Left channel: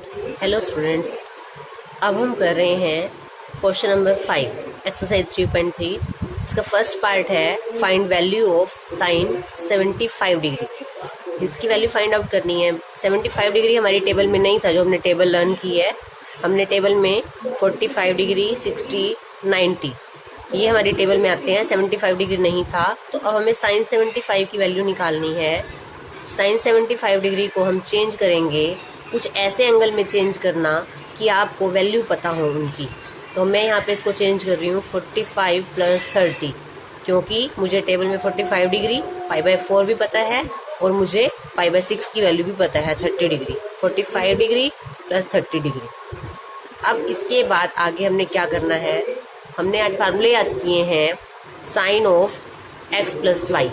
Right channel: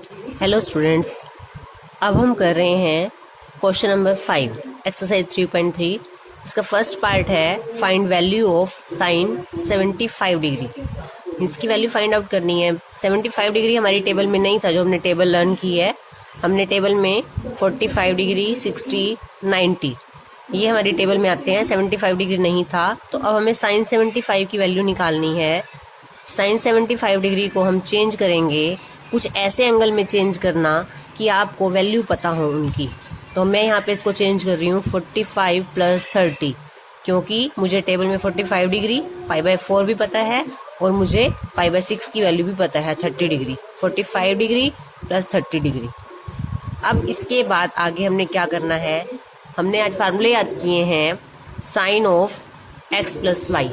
Hello students, अब हम कर रहे हैं क्वेश्चन नंबर 5 एक्सरसाइज 3.3। इसका फर्स्ट पार्ट है find value of sine 75 degree. इसकी वैल्यू फाइंड आउट करनी है। 75 डिग्री हमारी टेबल में नहीं था, जो हमने टेबल लर्न की है। हमने टेबल में 45 डिग्री, 60, 90 ये हमारी टेबल में आते हैं। 75 डिग्री नहीं था, तो अब हमें साइन 75 की वैल्यू निकालनी है। साइन 75 डिग्री को हम चेंज करेंगे, कुछ ऐसे एंगल में चेंज करना कि आपको वैल्यू पता हो उनकी। तो मैं यहाँ पे इसको चेंज कर रही हूँ 45 प्लस 30, क्योंकि मुझे टेबल में 45 डिग्री π/4 भी पता है और मुझे π/6 की वैल्यू भी पता है 30 डिग्री। 45 degree plus 30 degree. अब इसके बाद आगे हमने क्या करना है, हमने आज फार्मूले याद किए हैं sine of x plus y.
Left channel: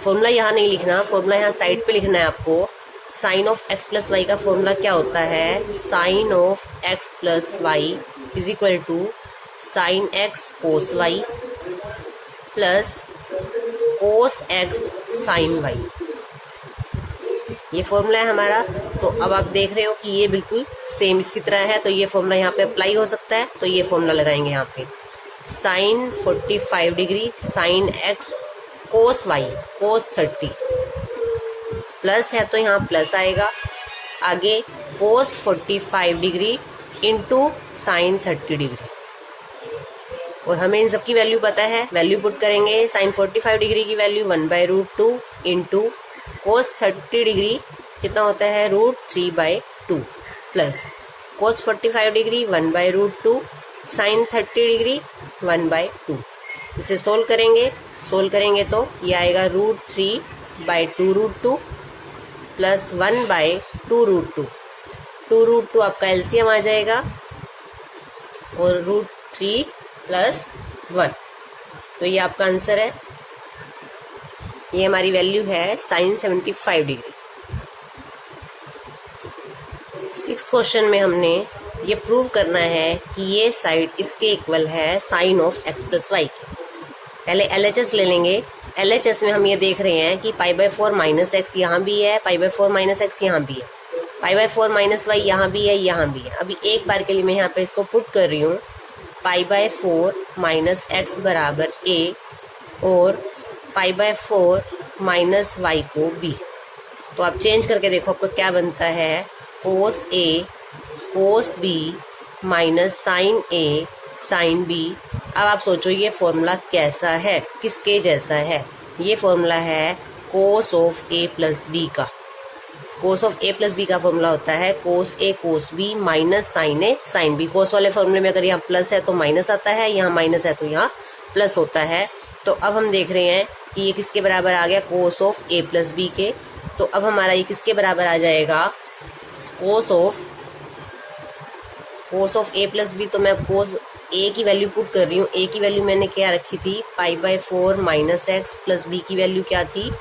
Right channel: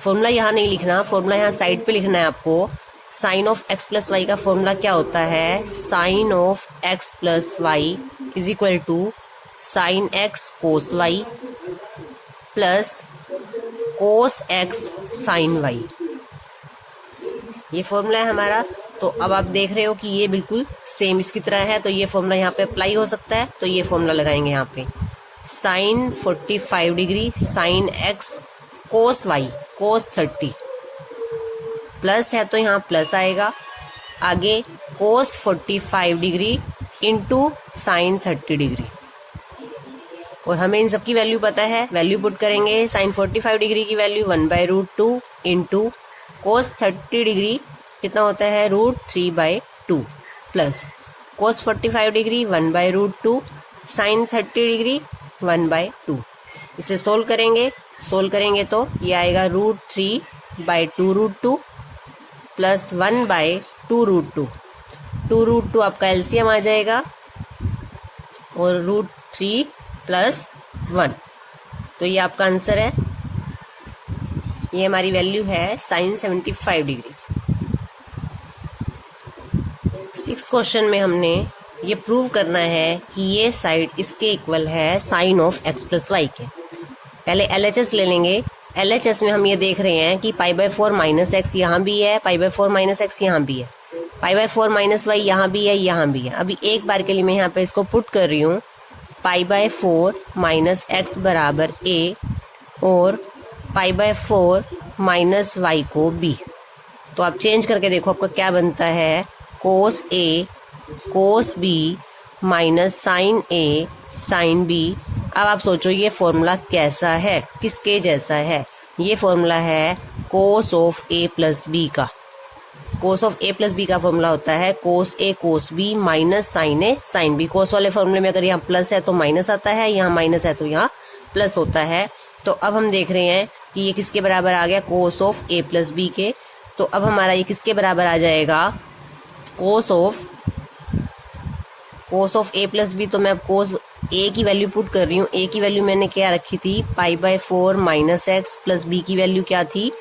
Formula यहाँ नहीं लिखना, फॉर्मूला यहाँ साइड पे लिखना है आपको। Sine of x plus y का फॉर्मूला क्या होता है, sine of x plus y is equal to sine x cos y plus cos x sine y. ये फॉर्मूला है हमारा। तो अब आप देख रहे हो कि ये बिल्कुल सेम इसकी तरह है, तो ये फॉर्मूला यहाँ पे अप्लाई हो सकता है। तो ये फॉर्मूला लगाएंगे यहाँ पे, sine 45 degree sine x cos y cos 30 plus है तो यहाँ प्लस आएगा, आगे cos 45 degree into sine 30 degree. और हमें इन सब की वैल्यू पता है, वैल्यू पुट करेंगे। साइन 45 डिग्री की वैल्यू 1/√2 इंटू कोस 30 डिग्री कितना होता है √3/2 plus cos 45 degree 1/√2 sine 30 degree 1/2। इसे सोल्व करेंगे तो ये आएगा √3/2√2 प्लस 1/2√2। 2√2 आपका एलसीएम आ जाएगा और √3 प्लस 1, तो ये आपका आंसर है। ये हमारी वैल्यू है साइन 75 डिग्री। 6th क्वेश्चन में हमने ये प्रूव करना है कि ये साइड इसके इक्वल है sine of x plus y के। पहले LHS ले लेंगे। LHS में हम ये देख रहे हैं कि π/4 माइनस एक्स यहाँ भी है, π/4 माइनस एक्स यहाँ भी है, π/4 माइनस वाई यहाँ भी है, यहाँ भी है। अभी एक बार के लिए मैं यहाँ पे इसको पुट कर रही हूँ, π/4 माइनस एक्स बराबर a और π/4 माइनस वाई को b। तो आप चेंज करके देखो आपको क्या बनता है, cos a cos b minus sine a sine b। अब आप सोचो ये फॉर्मूला कैसा है, किसके जैसा है। ये फॉर्मूला है cos of a plus b का। Cos of a plus b का फॉर्मूला होता है cos a cos b minus sine a sine b। Cos वाले फॉर्मूले में अगर यहाँ प्लस है तो माइनस आता है, यहाँ माइनस है तो यहाँ प्लस होता है। तो अब हम देख रहे हैं कि ये किसके बराबर आ गया, cos of a plus b के। तो अब हमारा ये किसके बराबर आ जाएगा, कोस ऑफ a प्लस b। तो मैं अब कोस a की वैल्यू पुट कर रही हूँ। a की वैल्यू मैंने क्या रखी थी, π/4 माइनस एक्स प्लस b की वैल्यू क्या थी,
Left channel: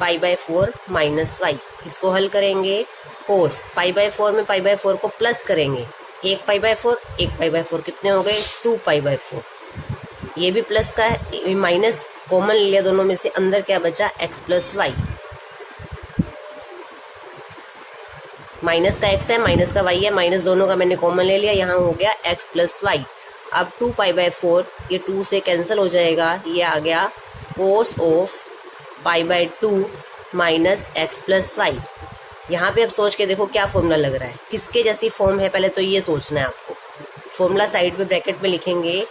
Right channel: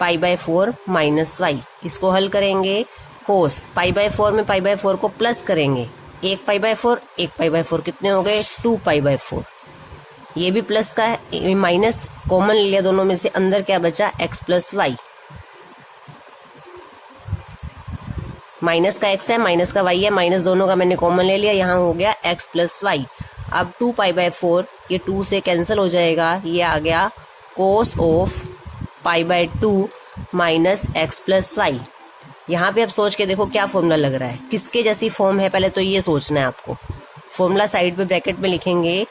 π/4 माइनस वाई। इसको हल करेंगे, कोस π/4 में π/4 को प्लस करेंगे, 1 π/4 1 π/4 कितने हो गए 2 π/4। ये भी प्लस का है, माइनस कॉमन ले लिया दोनों में से, अंदर क्या बचा x प्लस वाई। माइनस का x है, माइनस का y है, माइनस दोनों का मैंने कॉमन ले लिया, यहाँ हो गया x प्लस वाई। अब 2 π/4 ये 2 से कैंसिल हो जाएगा, ये आ गया cos of π/2 minus x plus y. यहाँ पे अब सोच के देखो क्या फॉर्मूला लग रहा है, किसके जैसी फॉर्म है, पहले तो ये सोचना है आपको। फॉर्मूला साइड पे ब्रैकेट में लिखेंगे,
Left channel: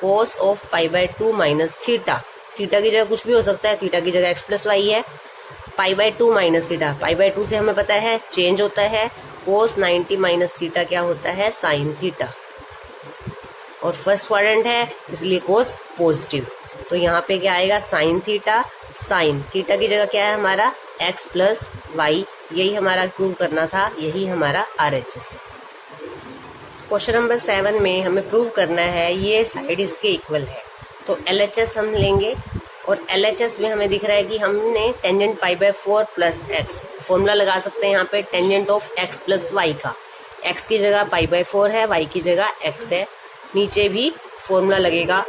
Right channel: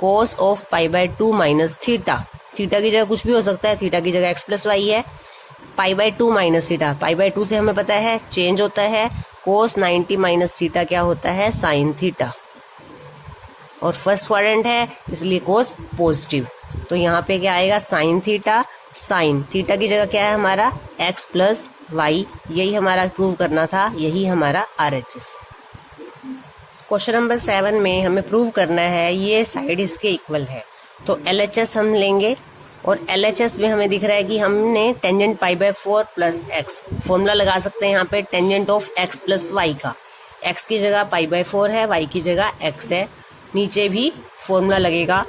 cos of π/2 minus theta. Theta की जगह कुछ भी हो सकता है, थीटा की जगह x प्लस वाई है। π/2 माइनस थीटा, π/2 से हमें पता है चेंज होता है, कोस 90 माइनस थीटा क्या होता है, साइन थीटा। और फर्स्ट क्वाड्रेंट है इसलिए कोस पॉजिटिव, तो यहाँ पे क्या आएगा, साइन थीटा। साइन थीटा की जगह क्या है हमारा, x प्लस वाई। यही हमारा प्रूव करना था, यही हमारा RHS है। क्वेश्चन नंबर 7 में हमें प्रूव करना है ये साइड इसके इक्वल है। तो LHS हम लेंगे और LHS में हमें दिख रहा है कि हमने टेंजेंट π/4 प्लस एक्स फॉर्मूला लगा सकते हैं यहाँ पे, tangent of x plus y का। x की जगह π/4 है, y की जगह x है, नीचे भी फॉर्मूला लगेगा।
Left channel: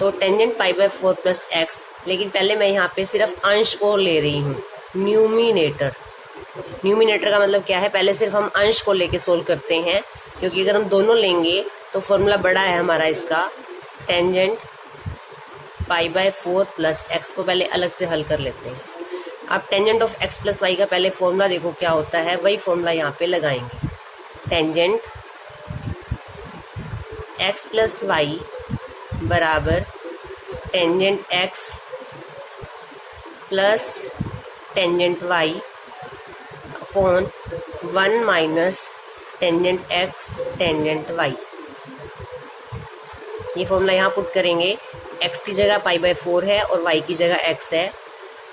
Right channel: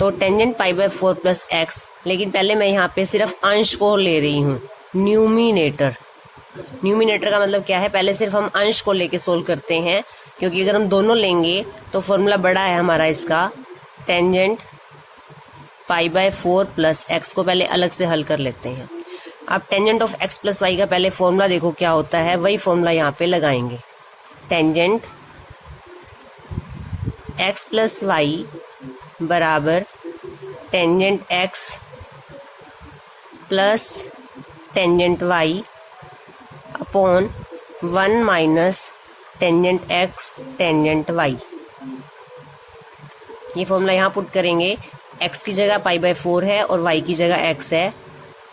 तो टेंजेंट π/4 प्लस एक्स, लेकिन पहले मैं यहाँ पे सिर्फ अंश को ले रही हूँ, न्यूमिनेटर। न्यूमिनेटर का मतलब क्या है, पहले सिर्फ हम अंश को लेके सोल्व करते हैं, क्योंकि अगर हम दोनों लेंगे तो फॉर्मूला बड़ा है हमारा इसका। Tangent pi by 4 plus x को पहले अलग से हल कर लेते हैं। अब tangent of x plus y का पहले फॉर्मूला देखो क्या होता है, वही फॉर्मूला यहाँ पे लगाएंगे। टेंजेंट एक्स प्लस वाई बराबर tangent x plus tangent y upon 1 minus tangent x tangent y. ये फॉर्मूला यहाँ पुट करेंगे। x की जगह पाई बाय 4 है और y की जगह x है।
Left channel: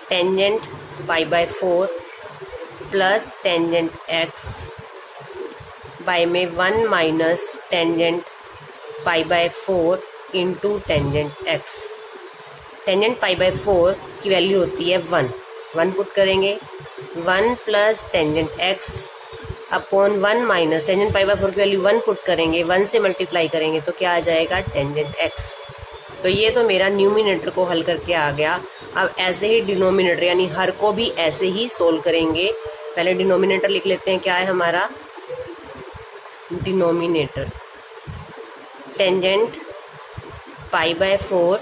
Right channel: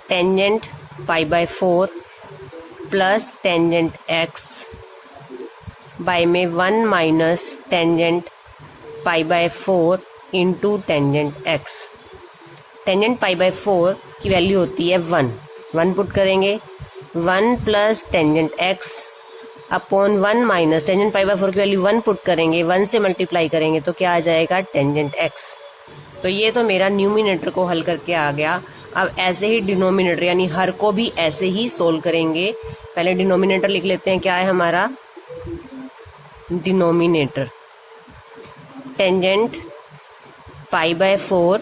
Tangent pi by 4 plus tangent x by में 1 minus tangent pi by 4 into tangent x। Tangent pi by 4 की वैल्यू होती है 1 पुट करेंगे। 1 plus tangent x upon 1 minus tangent pi by 4 की वैल्यू 1 पुट करेंगे, 1 से मल्टीप्लाई करेंगे तो क्या आ जाएगा, टेंजेंट x। तो ये तो मेरा न्यूमिनेटर को हल करके आ गया। अब ऐसे ही डिनोमिनेटर यानी हर को भी ऐसे ही सोल्व करेंगे। पहले डिनोमिनेटर लिख लेते हैं, क्या है हमारा denominator, tangent pi by 4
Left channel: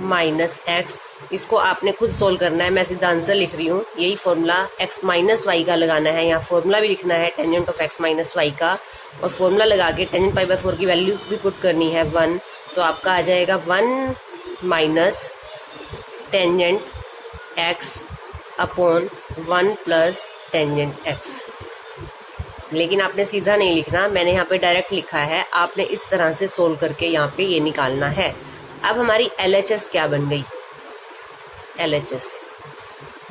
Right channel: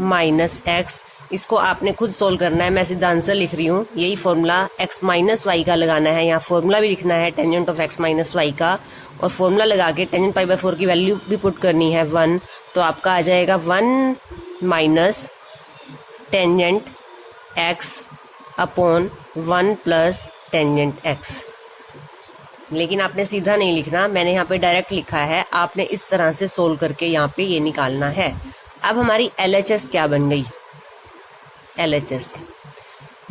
minus x. इसको आपने खुद सोल्व करना है, मैं सिद्धांत से लिख रही हूँ। यही फॉर्मूला x माइनस वाई का लगाना है, यहाँ फॉर्मूला भी लिखना है tangent of x minus y का, और फॉर्मूला लगा के टेंजेंट पाई बाय 4 की वैल्यू भी पुट करनी है 1। तो आपका आ जाएगा 1 minus tangent x upon 1 plus tangent x। लेकिन आपने सीधा नहीं लिखना, मैंने यहाँ पे डायरेक्ट लिखा है, आपने इस तरह से सोल्व करके यहाँ पे ये निकालना है। अब हमारी LHS क्या बन गई, LHS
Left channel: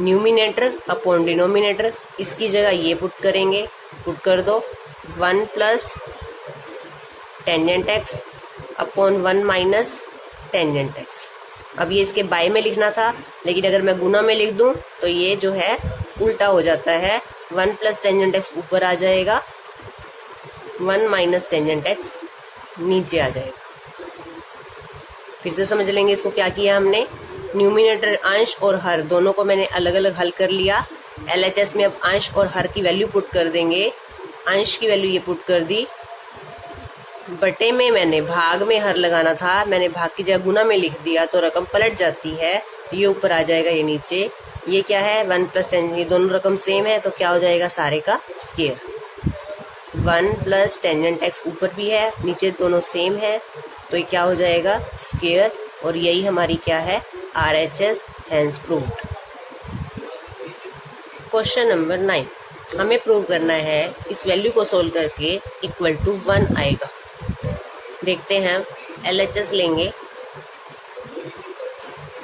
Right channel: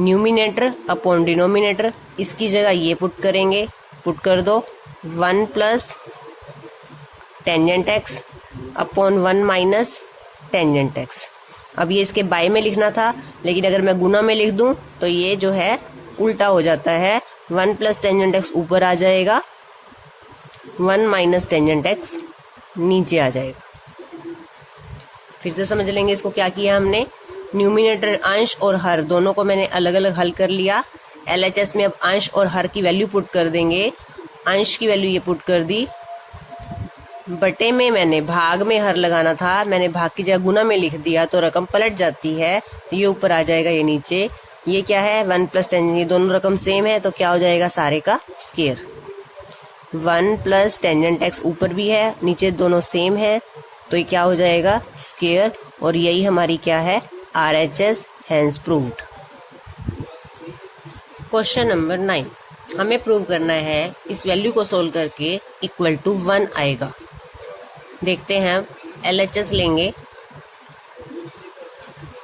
न्यूमिनेटर अपॉन डिनोमिनेटर। इसकी जगह ये पुट करेंगे, पुट कर दो 1 plus tangent x upon 1 minus tangent x। अब ये इसके बाय में लिखना था, लेकिन अगर मैं गुना में लिख दूं तो ये जो है उल्टा हो जाता है। 1 प्लस टेंजेंट x ऊपर आ जाएगा, 1 माइनस टेंजेंट x नीचे आ जाएगा। फिर से समझ लेंगे इसको, क्या किया हमने, न्यूमिनेटर अंश और हर दोनों को मैंने अलग अलग हल कर लिया। LHS में अब अंश और हर की वैल्यू पुट कर देंगे। अंश की वैल्यू ये पुट कर दी, बटे में मैंने भाग में हर लगाना था, मैंने भाग की जगह गुना में लिख दिया तो रकम पलट जाती है, ये ऊपर आ जाएगा, ये नीचे। ये क्या है 1 प्लस टेंजेंट, ये दोनों रकम सेम है तो क्या हो जाएगा सारे का स्क्वायर। 1 प्लस टेंजेंट x ऊपर भी है नीचे दोनों सेम है तो ये क्या हो जाएगा स्क्वायर। और यही हमारी क्या है RHS hence proved. Question number 9, हमें प्रूव करना है इस वैल्यू को सोल्व करके इक्वल टू 1 आएगा। देखते हैं, LHS लेंगे।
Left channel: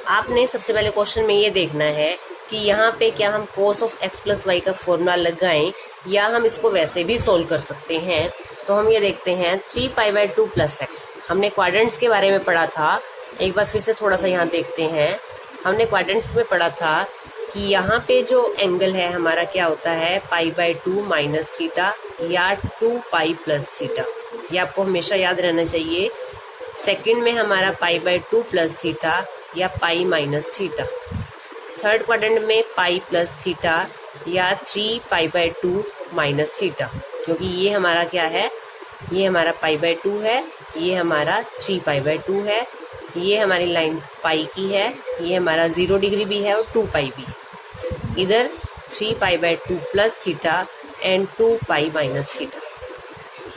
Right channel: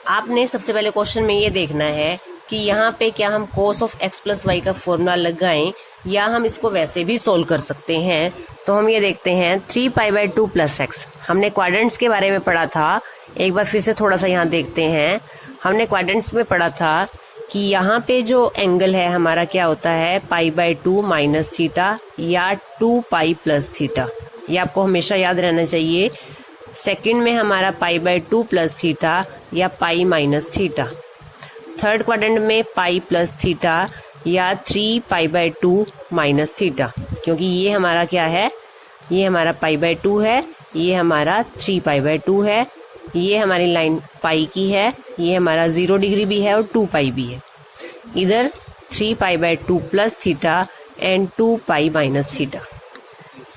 आपने सबसे पहले क्वेश्चन में ये देखना है कि यहाँ पे क्या हम cos of x plus y का फॉर्मूला लगाएं या हम इसको वैसे भी सोल्व कर सकते हैं। तो हम ये देखते हैं 3 पाई बाय 2 प्लस एक्स। हमने क्वाड्रेंट्स के बारे में पढ़ा था, एक बार फिर से थोड़ा सा यहाँ देखते हैं। हमने क्वाड्रेंट्स में पढ़ा था कि यहाँ पे जो एंगल है हमारा क्या होता है पाई बाय 2 माइनस थीटा या 2 पाई प्लस थीटा। ये आपको हमेशा याद रहना चाहिए। सेकंड में हमारा पाई बाय 2 प्लस थीटा या पाई माइनस थीटा। थर्ड क्वाड्रेंट में पाई प्लस थीटा या 3 पाई बाय 2 माइनस थीटा, क्योंकि ये हमारा क्या है, ये हमारा पाई बाय 2 है, ये हमारा 3 पाई बाय 2 है, ये हमारी लाइन पाई की है, ये हमारा 0 डिग्री भी है और 2 पाई भी है। इधर 3 pi by 2 plus theta and 2 pi minus theta.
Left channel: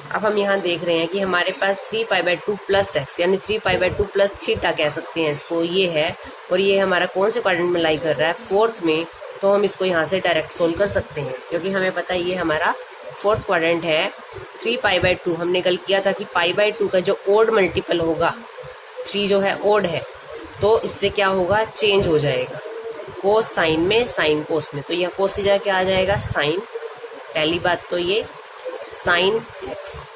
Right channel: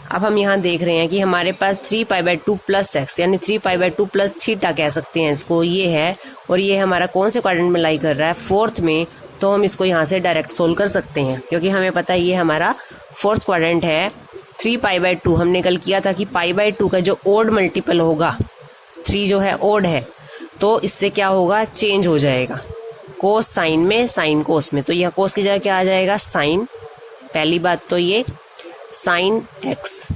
अब हम यहाँ देख रहे हैं कि हमारे पास 3 पाई बाय 2 प्लस एक्स यानी 3 पाई बाय 2 प्लस थीटा कह सकते हैं इसको, ये है। और ये हमारा कौन से क्वाड्रेंट में लाई कर रहा है, फोर्थ में। तो हम इसको यहाँ से डायरेक्ट सोल्व कर सकते हैं, क्योंकि हमें पता है ये हमारा फोर्थ क्वाड्रेंट है। 3 पाई बाय 2 हमने कल किया था कि पाई बाय 2 का जो ओड मल्टीपल होगा, 3 जो है ओड है, तो इससे क्या होगा चेंज हो जाएगा, कोस साइन में साइन कोस में। तो यह कोस की जगह क्या आ जाएगा साइन। पहली बात तो ये साइन एक्स,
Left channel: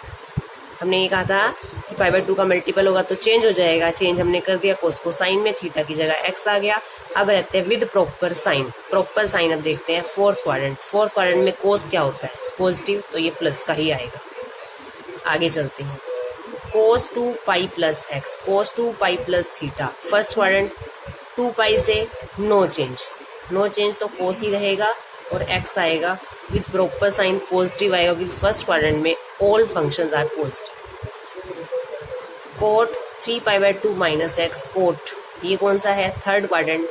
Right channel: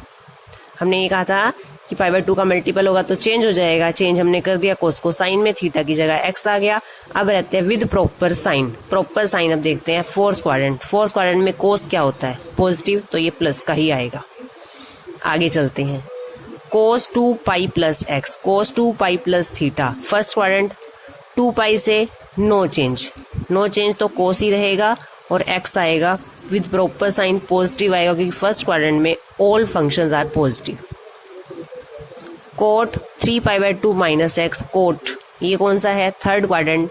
हमने ये कहा था कि पाई बाय 2 का मल्टीपल होगा तो चेंज हो जाएगा, चेंज हमने कर दिया, कोस को साइन में, थीटा की जगह एक्स आ गया। अब रहते हैं with proper sign. Proper sign अब देखते हैं फोर्थ क्वाड्रेंट। फोर्थ क्वाड्रेंट में कोस क्या होता है पॉजिटिव, तो ये प्लस का ही आएगा। आगे चलते हैं, कोस 2 पाई प्लस एक्स, कोस 2 pi plus theta. First quadrant 2 पाई से नो चेंज, नो चेंज तो कोस ही रहेगा, और x आएगा विद प्रॉपर साइन पॉजिटिव आएगा, क्योंकि फर्स्ट क्वाड्रेंट में all functions are positive. Cot 3π/2 minus x, cot ये कौन सा है, थर्ड क्वाड्रेंट,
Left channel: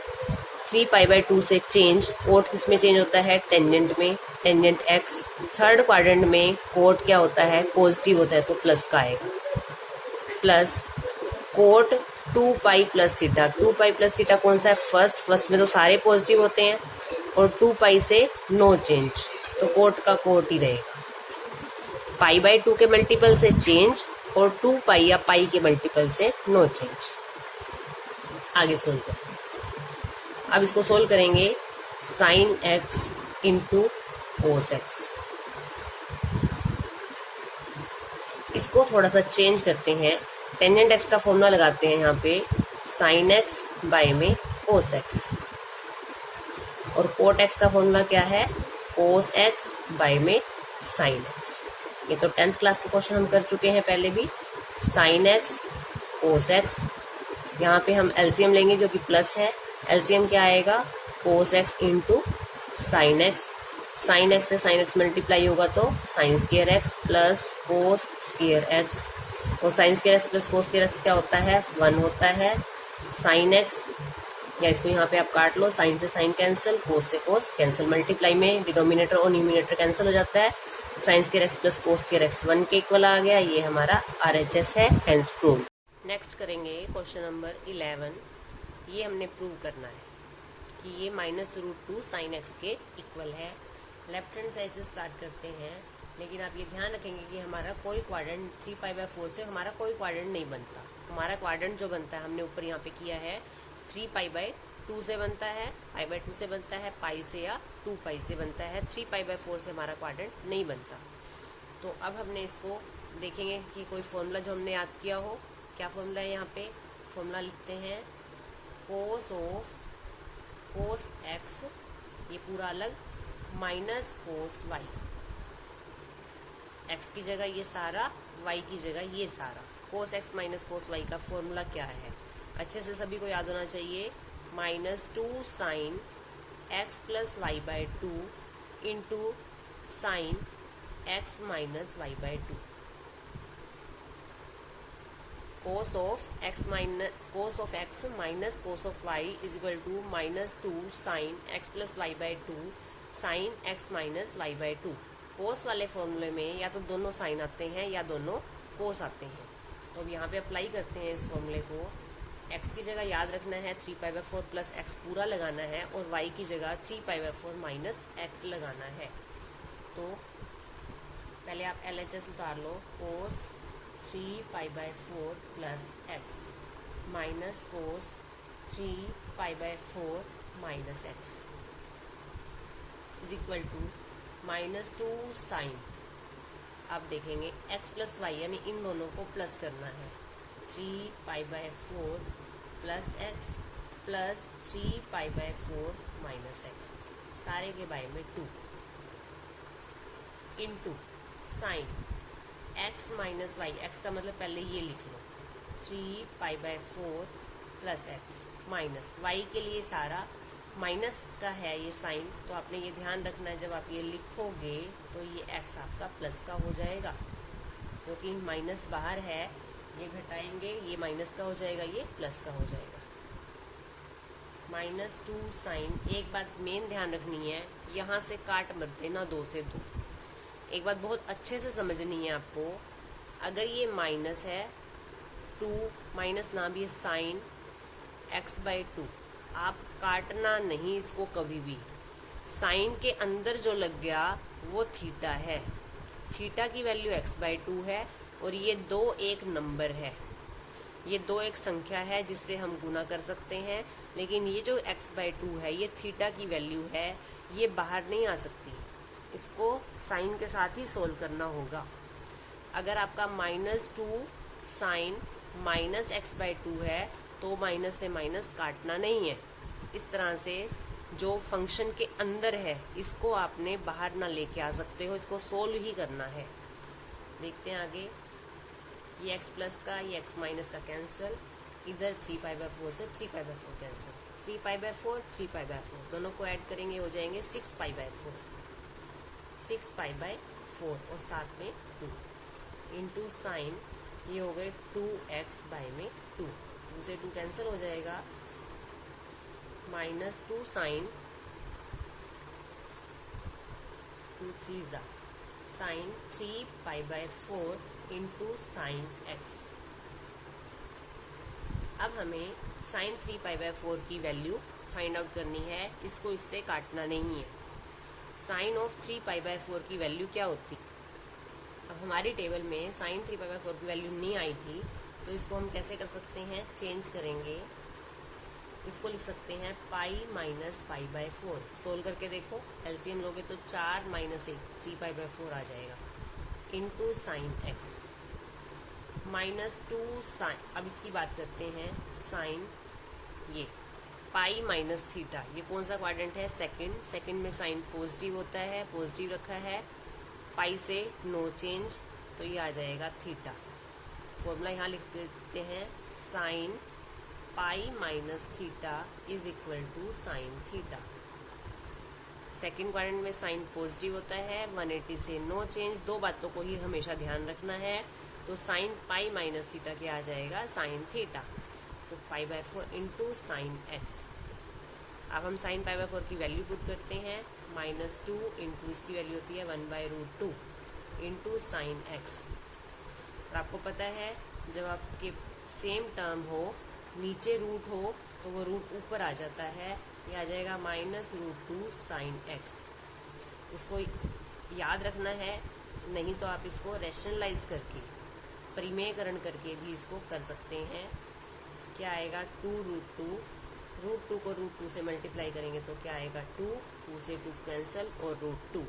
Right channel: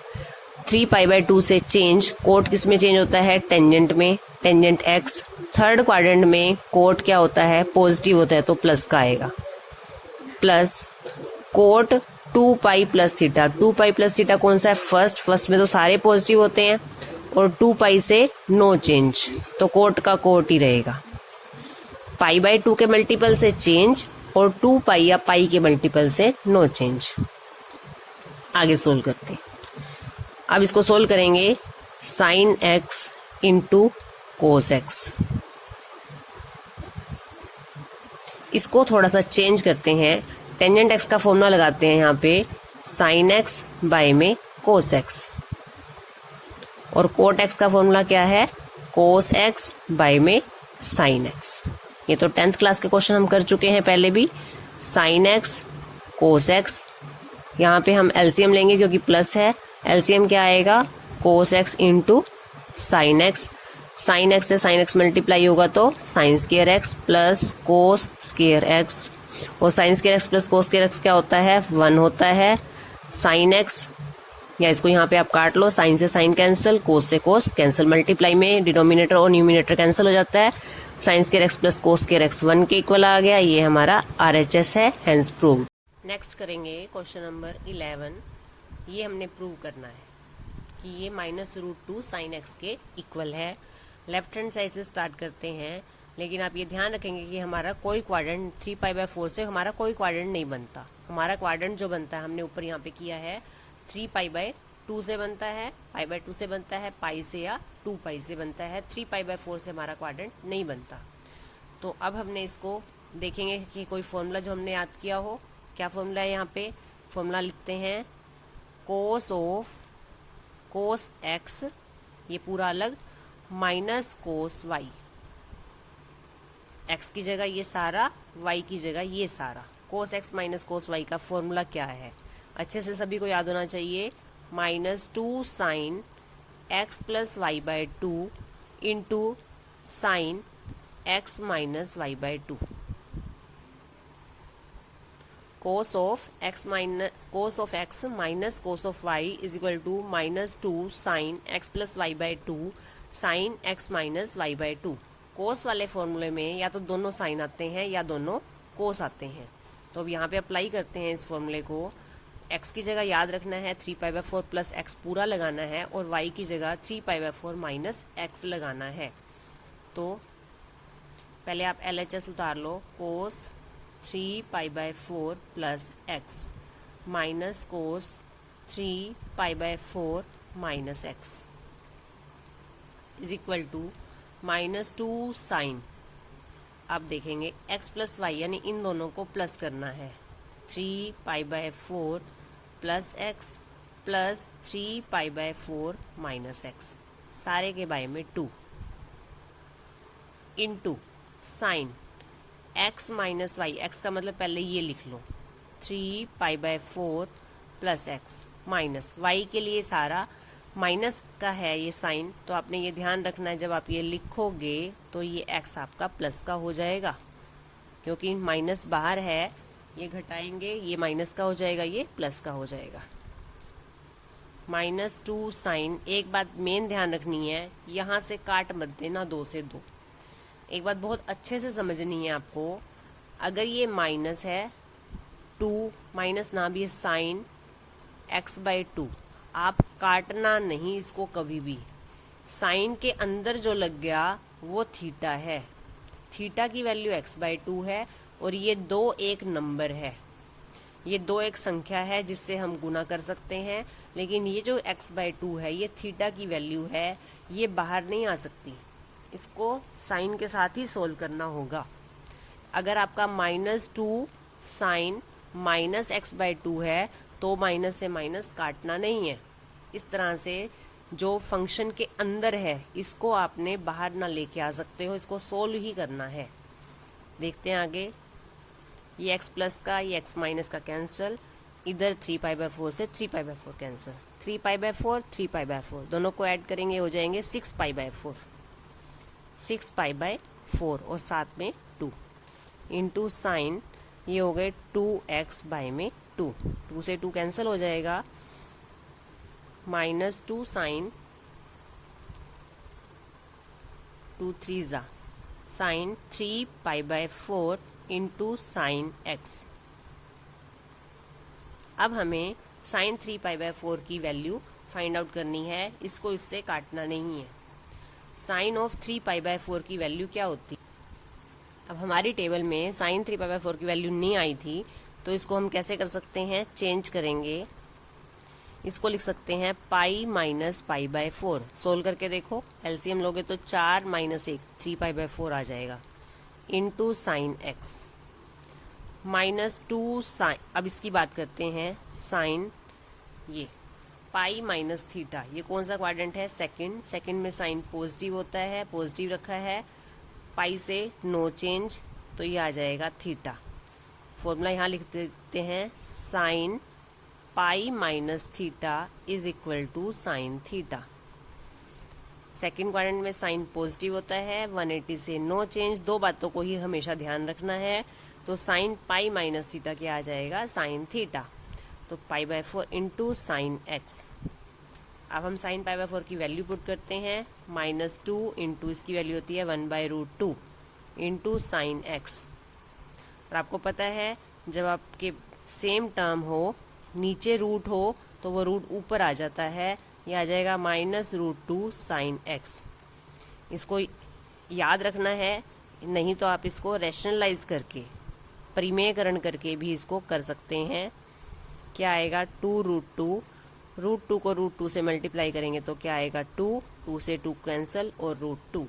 3π/2 से चेंज, कोट किस में चेंज होता है, टेंजेंट में, टेंजेंट एक्स। थर्ड क्वाड्रेंट में कोट क्या होता है, पॉजिटिव होता है, तो प्लस का आएगा, plus cot 2π plus theta, 2π plus theta कौन सा है, फर्स्ट में तो सारे पॉजिटिव होते हैं, और 2π से नो चेंज, तो कोट का कोट ही रहेगा। π/2 के मल्टीपल से चेंज और 2π या पाई के मल्टीपल से नो चेंज। आगे सोल्व करते हैं। अब इसको सोल्व करेंगे, sine x into cos x. इसको थोड़ा सा चेंज करते हैं, टेंजेंट एक्स का फॉर्मूला लगाते हैं यहाँ पे, साइन एक्स बाय में कोस एक्स, और कोट एक्स का फॉर्मूला क्या है, कोस एक्स बाय में साइन एक्स। ये तो 10th क्लास के क्वेश्चन हम कर चुके हैं पहले भी। साइन एक्स कोस एक्स, यहाँ पे हम एलसीएम लेंगे क्योंकि प्लस है, एलसीएम क्या आएगा, cos x into sine x. Sine x से साइन एक्स मल्टीप्लाई होगा तो sine square x plus cos square x, और sine square x plus cos square x क्या होता है, 1 होता है। साइन एक्स, या इसको यहाँ पे आप काट लो, साइन से साइन कैंसिल, कोस से कोस कैंसिल, मल्टीप्लाई में डिनोमिनेटर और न्यूमिनेटर कैंसिल हो जाता है। Sign square x plus cos square x 1 के इक्वल आ गया, ये हमारा RHS है, हेंस प्रूव्ड। नेक्स्ट करेंगे क्वेश्चन नंबर 11। ये हमने प्रूव करना है कि ये -√2 साइन एक्स के इक्वल है। लेफ्ट हैंड साइड से स्टार्ट करते हैं, लेकिन आप ये ध्यान रखेंगे कि हमारा कोई क्वाड्रेंट 3π/4 से हमारा कोई क्वाड्रेंट नहीं बनता। हमारा क्वाड्रेंट जो बनता है हमने ऊपर यहाँ पे किया है 3π/2 से बनता है, π/2 से बनता है, पाई से या 2π से बनता है, 3π/4 से हमारा क्वाड्रेंट नहीं बनता। तो अब हमने इसको देखेंगे कि कोई फॉर्मूला जो हमने याद किया हो। क्या फॉर्मूला है, यहाँ पे फॉर्मूला लिखते हैं, कोस ऑफ कोस एक्स, ये पूरा अलग, माइनस कोस वाई, एक्स की जगह ये सारा, वाई की जगह ये सारा। Cos x minus cos y का फॉर्मूला क्या है, अच्छे से सभी को याद होना चाहिए, -2 sine x plus y/2 into sine x minus y/2। Cos of x minus cos of y is equal to -2 sine x plus y/2 sine x minus y/2। Cos वाले फॉर्मूले में या तो दोनों साइन आते हैं या दोनों कोस आते हैं। तो अब यहाँ पे अप्लाई करते हैं इस फॉर्मूले को। x की जगह याद रखना है 3π/4 प्लस एक्स पूरा लगाना है, और y की जगह 3π/4 माइनस एक्स लगाना है। तो पहले आप LHS उतार लो, cos 3π/4 plus x minus cos 3π/4 minus x is equal to -2 sine. अब देखेंगे x प्लस वाई, यानी इन दोनों को प्लस करना है, 3π/4 plus x plus 3π/4 minus x, सारे के बाय में 2 into sine x minus y, x का मतलब पहले ये लिख लो, 3π/4 प्लस एक्स माइनस वाई के लिए सारा माइनस का है ये साइन, तो आपने ये ध्यान रखना है जब आप ये लिखोगे तो ये x आपका प्लस का हो जाएगा, क्योंकि माइनस बाहर है, ये घटाएंगे ये माइनस का हो जाएगा, ये प्लस का हो जाएगा। -2 साइन, एक बात मेन ध्यान रखनी है, यहाँ से काट मत देना 2 से 2। एक बात बहुत अच्छे से समझनी है आपको, अगर ये माइनस है 2 माइनस ना भी साइन x/2, आप काटना नहीं इसको कभी भी। साइन के अंदर जो लग गया वो थीटा है, थीटा की वैल्यू x/2 है, और ये 2 एक नंबर है, ये 2 एक संख्या है जिससे हम गुना कर सकते हैं, लेकिन ये जो x/2 है ये थीटा की वैल्यू है, ये बाहर नहीं आ सकती, इसको साइन के साथ ही सोल्व करना होगा। अगर आपका -2 साइन माइनस x/2 है तो माइनस से माइनस काटना नहीं है। इस तरह से जो फंक्शन के अंदर है इसको आपने बाहर ना लेके आ सकते हो, इसको सोल्व ही करना है। देखते हैं आगे, ये x प्लस का, ये x माइनस का कैंसिल, इधर 3π/4 से 3π/4 कैंसिल, 3π/4 3π/4 दोनों को ऐड करेंगे हो जाएंगे 6π/4 6π/4 और साथ में 2 इंटू साइन ये हो गए 2x बाय में 2 से 2 कैंसिल हो जाएगा, -2 साइन 2 3 ज़ा साइन 3π/4 इंटू साइन x। अब हमें साइन 3π/4 की वैल्यू फाइंड आउट करनी है, इसको इससे काटना नहीं है। साइन ऑफ 3π/4 की वैल्यू क्या होती? अब हमारी टेबल में साइन 3π/4 की वैल्यू नहीं आई थी, तो इसको हम कैसे कर सकते हैं, चेंज करेंगे। इसको लिख सकते हैं पाई माइनस π/4। सोल्व करके देखो, एलसीएम लोगे तो 4 - 1 3π/4 आ जाएगा, इंटू साइन x -2 साइन। अब इसकी बात करते हैं, साइन ये पाई माइनस थीटा, ये कौन सा क्वाड्रेंट है, सेकंड। सेकंड में साइन पॉजिटिव होता है, पॉजिटिव रखा है, पाई से नो चेंज, तो ये आ जाएगा थीटा। फॉर्मूला यहाँ लिख देते हैं, sine pi minus theta is equal to sine theta. Second quadrant में साइन पॉजिटिव होता है, 180 से नो चेंज, दो बातों को ही हमेशा ध्यान रखना है। तो साइन पाई माइनस थीटा क्या आ जाएगा, साइन थीटा। तो π/4 इंटू साइन एक्स। अब हम साइन π/4 की वैल्यू पुट करते हैं, -2 इंटू इसकी वैल्यू होती है 1/√2 इंटू साइन एक्स। और आपको पता है जब आपके सेम टर्म हो, नीचे रूट हो, तो वो रूट ऊपर आ जाता है, ये आ जाएगा -√2 साइन एक्स। इसको याद रखना है, नहीं तो आप इसको रैशनलाइज करके, परिमेयकरण करके भी इसको कर सकते हैं। क्या आएगा, 2√2, √2 को √2 से मल्टीप्लाई करेंगे तो क्या आएगा 2 से 2 कैंसिल और √2।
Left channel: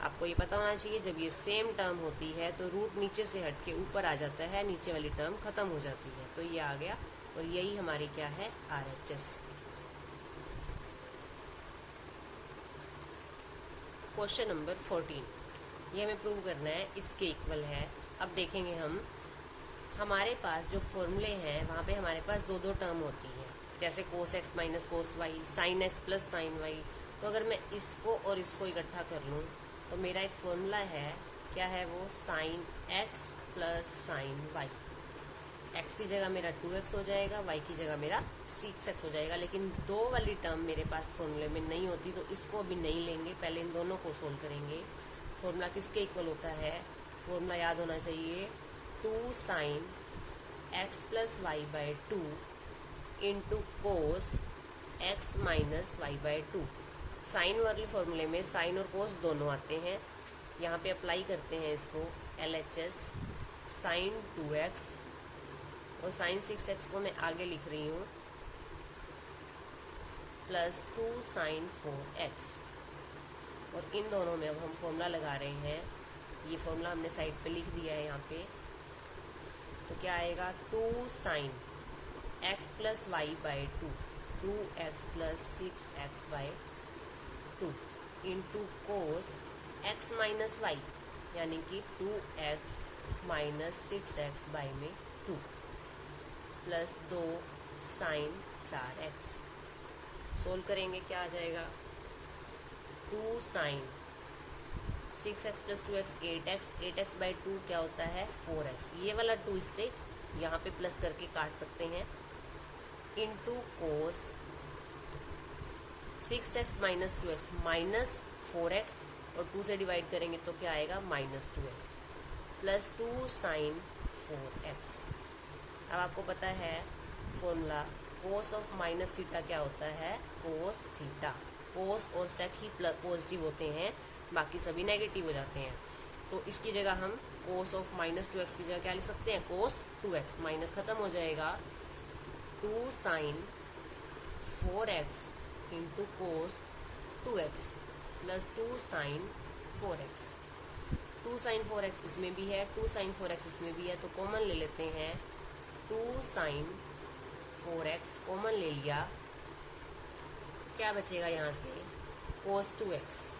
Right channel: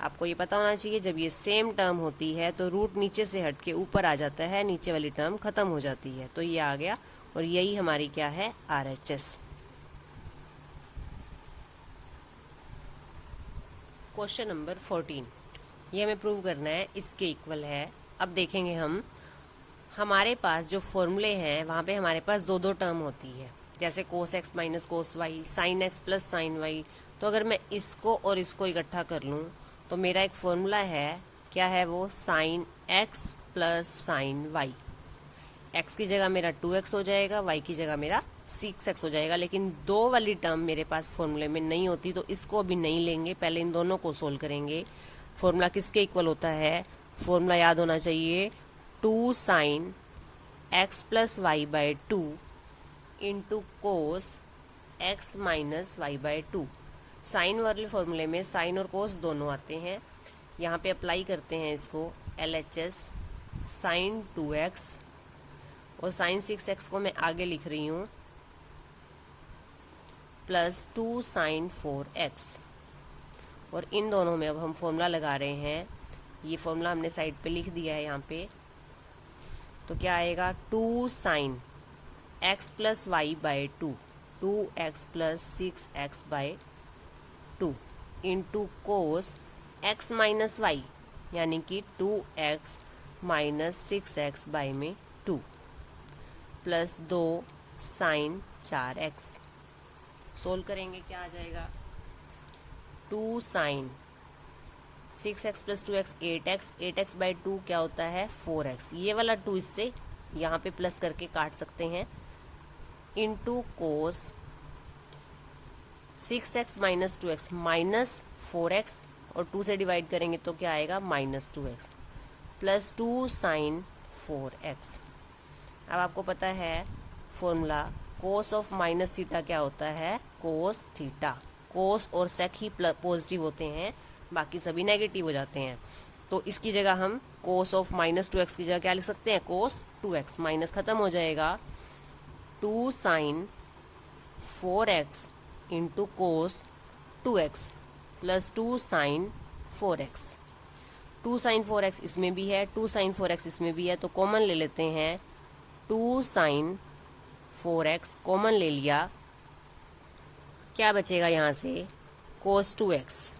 आपको ये पता होना चाहिए जब ये सेम टर्म होती है तो रूट नीचे से हट के ऊपर आ जाता है, नीचे वाली टर्म खत्म हो जाती है, तो ये आ गया। और यही हमारी क्या है, RHS। क्वेश्चन नंबर 14, ये हमें प्रूव करना है इसके इक्वल है। अब देखेंगे हम, हमारे पास जो फॉर्मूले हैं वहाँ पे हमारे पास दो टर्म होती है, जैसे cos x minus cos y, sine x plus sine y. तो अगर मैं इसको और इसको इकट्ठा कर लूँ तो मेरा एक फॉर्मूला है, क्या है वो, sine x plus sine y. x की जगह मेरा 2x हो जाएगा, y की जगह मेरा 6x हो जाएगा। लेकिन दो वाली टर्म मेरे पास फॉर्मूले में नहीं होती, तो इसको अभी नहीं लेंगे, पहले इन दोनों को सोल्व करेंगे। फॉर्मूला किसके इक्वल होता है, फॉर्मूला याद होना चाहिए, 2 sine x plus y by 2 into cos x minus y by 2। Sine वाले फॉर्मूले में साइन और कोस दोनों आते हैं, यहाँ पे अप्लाई करते हैं इसको, LHS साइन 2x और साइन 6x को मैं आगे लिख रही हूँ, प्लस 2 साइन 4x। और इन दोनों में अब हम फॉर्मूला लगा रहे हैं, ये फॉर्मूला हमने साइड पे लिख दिया है यहाँ पे। तो क्या आएगा, 2 sine x plus y by 2, 2x plus 6x by 2 into cos x minus y, यानी कि 2x माइनस 6x बाई में 2 प्लस 2 साइन 4x। सोल्व करेंगे क्या आ जाएगा, 2 sign 6x plus 2x 8x, 8x by 2 क्या होता है 4x। ये वाला 2 इससे यहाँ पे प्लस करके काट सकते हैं, into cos 6x minus 2x minus 4x, और 2 से डिवाइड करेंगे तो क्या आएगा, -2x प्लस 2 साइन 4x। अब आपको पता है formula, cos of minus theta क्या होता है, कोस थीटा। कोस और सेक ही पॉजिटिव होते हैं, बाकी सभी नेगेटिव हो जाते हैं। तो इसकी जगह हम कोस ऑफ -2x की जगह क्या लिख सकते हैं, कोस 2x, माइनस खत्म हो जाएगा, 2 sine 4x into cos 2x plus 2 sine 4x। 2 sine 4x इसमें भी है, 2 साइन 4x इसमें भी है, तो कॉमन ले लेते हैं, 2 साइन 4x कॉमन ले लिया, क्या बचेगा यहाँ से, कोस 2x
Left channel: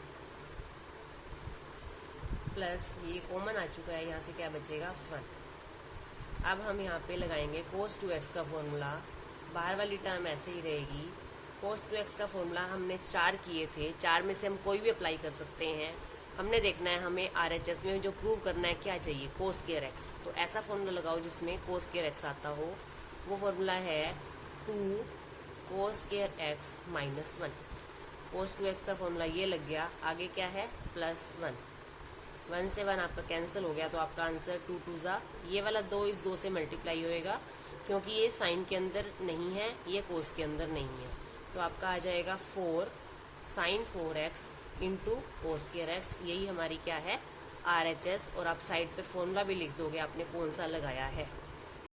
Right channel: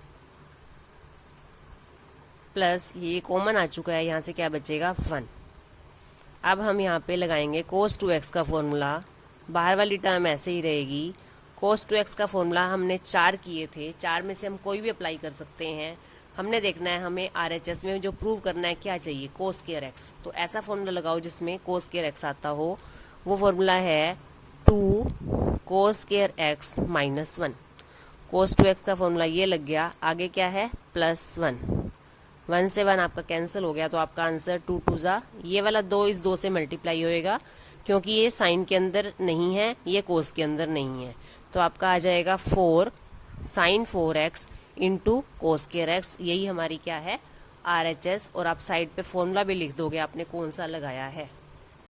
प्लस ये कॉमन आ चुका है, यहाँ से क्या बचेगा 1। अब हम यहाँ पे लगाएंगे कोस 2x का फॉर्मूला, बाहर वाली टर्म ऐसे ही रहेगी, cos 2x का फॉर्मूला हमने 4 किए थे, 4 में से हम कोई भी अप्लाई कर सकते हैं। हमने देखना है हमें RHS में जो प्रूव करना है क्या चाहिए, cos स्क्वायर x। तो ऐसा फॉर्मूला लगाओ जिसमें cos स्क्वायर x आता हो। वो फॉर्मूला है 2 cos square x minus 1। cos 2x का फॉर्मूला ये लग गया। आगे क्या है, +1। 1 से 1 आपका कैंसिल हो गया, तो आपका आंसर 2 2 जा, ये वाला 2 इस 2 से मल्टीप्लाई होएगा, क्योंकि ये साइन के अंदर नहीं है, ये कोस के अंदर नहीं है। तो आपका आ जाएगा 4 sin 4x into cos square x। यही हमारी क्या है, RHS। और आप साइड पे फॉर्मूला भी लिख दोगे आपने कौन सा लगाया है।